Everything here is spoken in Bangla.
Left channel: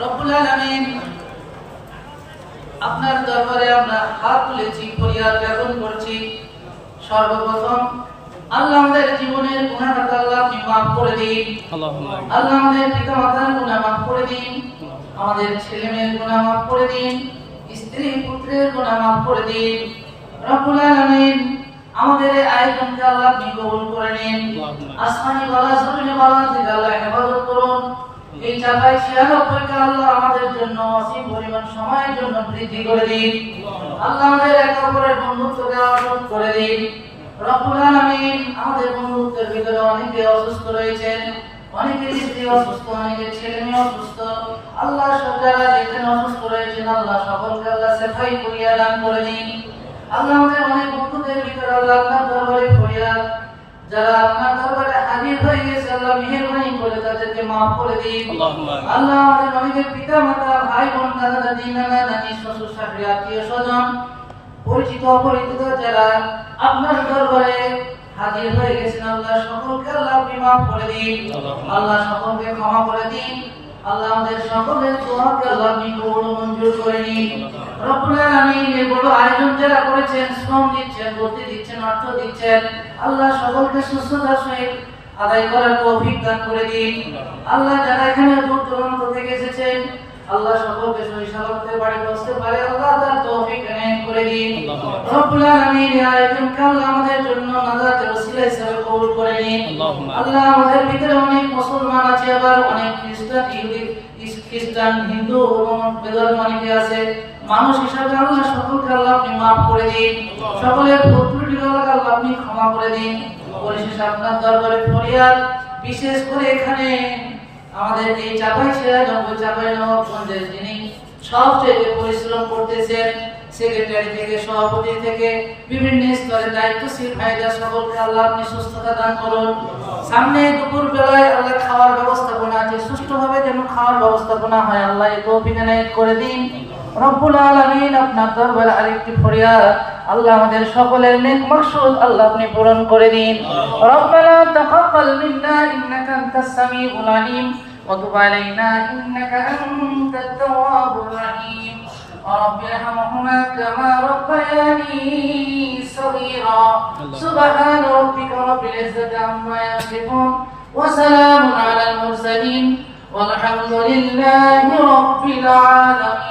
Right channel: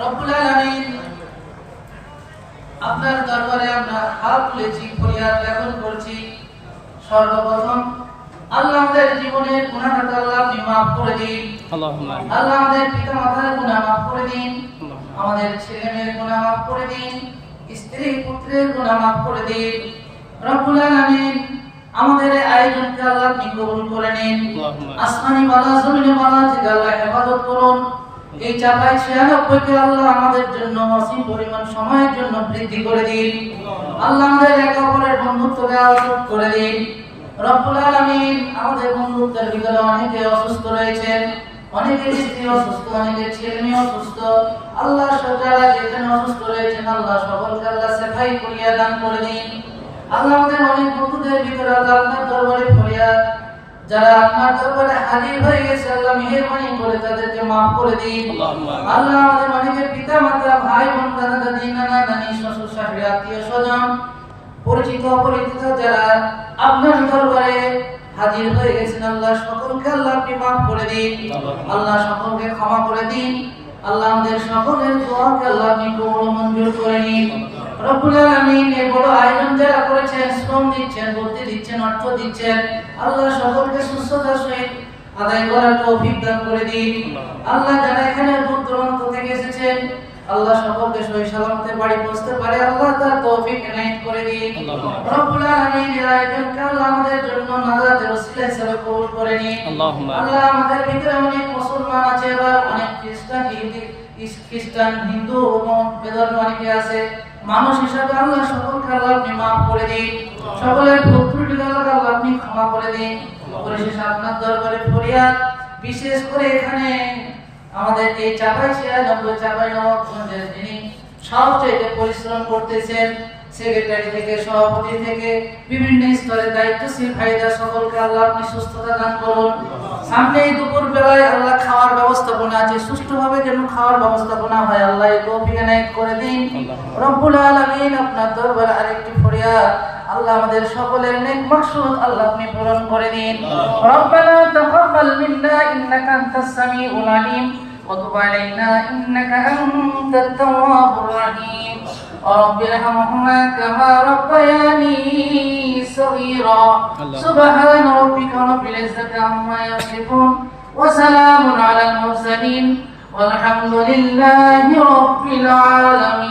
রব্বুল আলামিন, আপনার দরবারে আমরা হাত তুলেছি, ফরিয়াদ জ্ঞাপন করছি। সর্বপ্রথম আল্লাহ আমাদের জীবনের গুনাহ আল্লাহ আপনি মাফ করে দিন। আল্লাহুম্মা আমিন। আল্লাহ আমাদের পিতামাতার গুনাহ মাফ করে দিন, আমাদের ছেলে মেয়ের গুনাহ মাফ করে দিন, স্ত্রী পুত্রের গুনাহ মাফ করে দিন। রব্বুল আলামিন, আমাদের আয়োজনকে আল্লাহ আপনি কবুল করে নিন। আসমানি বালা জমিনি বালা থেকে আল্লাহ হেফাজত করুন। এই 96কে আল্লাহ আমাদের জন্য অসীম পরিমাণ সময়ের জন্য বৃদ্ধি করে দিন। আল্লাহ আমাদের একে অপরের বন্ধুত্বকে আরোপ করে দিন। রব্বুল আলামিন, আমাদের বন্ধুত্বের ভিতরে অনেকে অসুস্থ রয়েছেন, অনেকের স্ত্রী অসুস্থ, অনেকের ছেলে মেয়ে অসুস্থ। আল্লাহ সজ্জালা যেখানে অসুস্থ রয়েছেন আল্লাহ সকলকে আল্লাহ সেফাই করিয়া দান করে দিন। আল্লাহ আমাদের অনেক বন্ধুদের ভিতরে আল্লাহ আপনার দরবারে ফরিয়াদ, যারা আপনার দরবারে হাজির হয়ে গেছে আল্লাহ মেহেরবানি করে তাদেরকে মাফ করে দিন। আল্লাহ আমাদের অনেকের পিতা মাতা, ভাই বোন, দাদা দাদি, নানা নানি, শ্বশুর শাশুড়ি, আত্মীয় স্বজন, পরিচিত অপরিচিত যারা আপনার দরবারে হাজির হয়ে গেছেন আল্লাহ সকলকে আল্লাহ আপনি মাফ করে দিন। আল্লাহ সকলকে ক্ষমা করে দিন। আল্লাহ আমাদের সকলের দোয়াকে আল্লাহ আপনি কবুল মঞ্জুর করে নিন। রব্বুল আলামিন, এই বড় আয়োজন যারা করেছেন, শ্রম দিচ্ছেন, বুদ্ধি দিচ্ছেন, অর্থ দিচ্ছেন, আল্লাহ সকলকে সুস্থতার সহিত আদায় করার তৌফিক দান করে দিন। আল্লাহ যারা এখানে দূর দূরান্ত থেকে এসেছেন আল্লাহ সকলকে সহি সালামতে বাড়ি পৌঁছতে পারে আল্লাহ তার তৌফিক এনায়েত করে দিন। রব্বুল আলামিন, এই আয়োজনকে আল্লাহ আমাদের জন্য নাজাতের ওসিলা হিসেবে কবুল করে নিন। আল্লাহ আমাদের ভিতরে অনেক মুসলমান আছে, আবার অনেক খ্রিস্টান, হিন্দু এবং বেদর অনেকে আছে। মানুষ হিসাবে আল্লাহ সকলকে আল্লাহ আপনি মাফ করে দিন। সকলের ভুল ত্রুটি আল্লাহ আপনি ক্ষমা করে দিন। পরিশেষে আপনার দরবারে ফরিয়াদ, বিশেষ করে এখানে আমাদের এই চাঁপাইনবাবগঞ্জের যিনি সব থেকে পরিশ্রম করতেছেন, সেক্রেটারি থেকে সভাপতি থেকে বিভিন্ন স্তরে দায়িত্বশীল ভাইরা সকলকে আল্লাহ আপনি সুস্থতা দান করুন। সামনে দুপুর বেলায় আল্লাহ খাওয়ার ব্যবস্থাপনা আছে, সুষ্ঠুভাবে যেন খাওয়ার ব্যবস্থাপনা হয় আল্লাহ এই তৌফিক এনায়েত করে দিন। রব্বুল আলামিন, আপনার দরবারে আরেকটি ফরিয়াদ, আল্লাহ আমাদের সকলের নেক মাকসুদ আল্লাহ আপনি পূরণ করে দিন। রব্বানা তাকাব্বাল মিন্না ইন্নাকা আনতাস সামিউল আলিম ওয়া তুব আলাইনা ইন্নাকা আনতাত তাওয়াবুর রহিম। رب ارحمهما كما ربياني صغيرا. سبحان ربك رب العزة عما يصفون وسلام على المرسلين والحمد لله رب العالمين.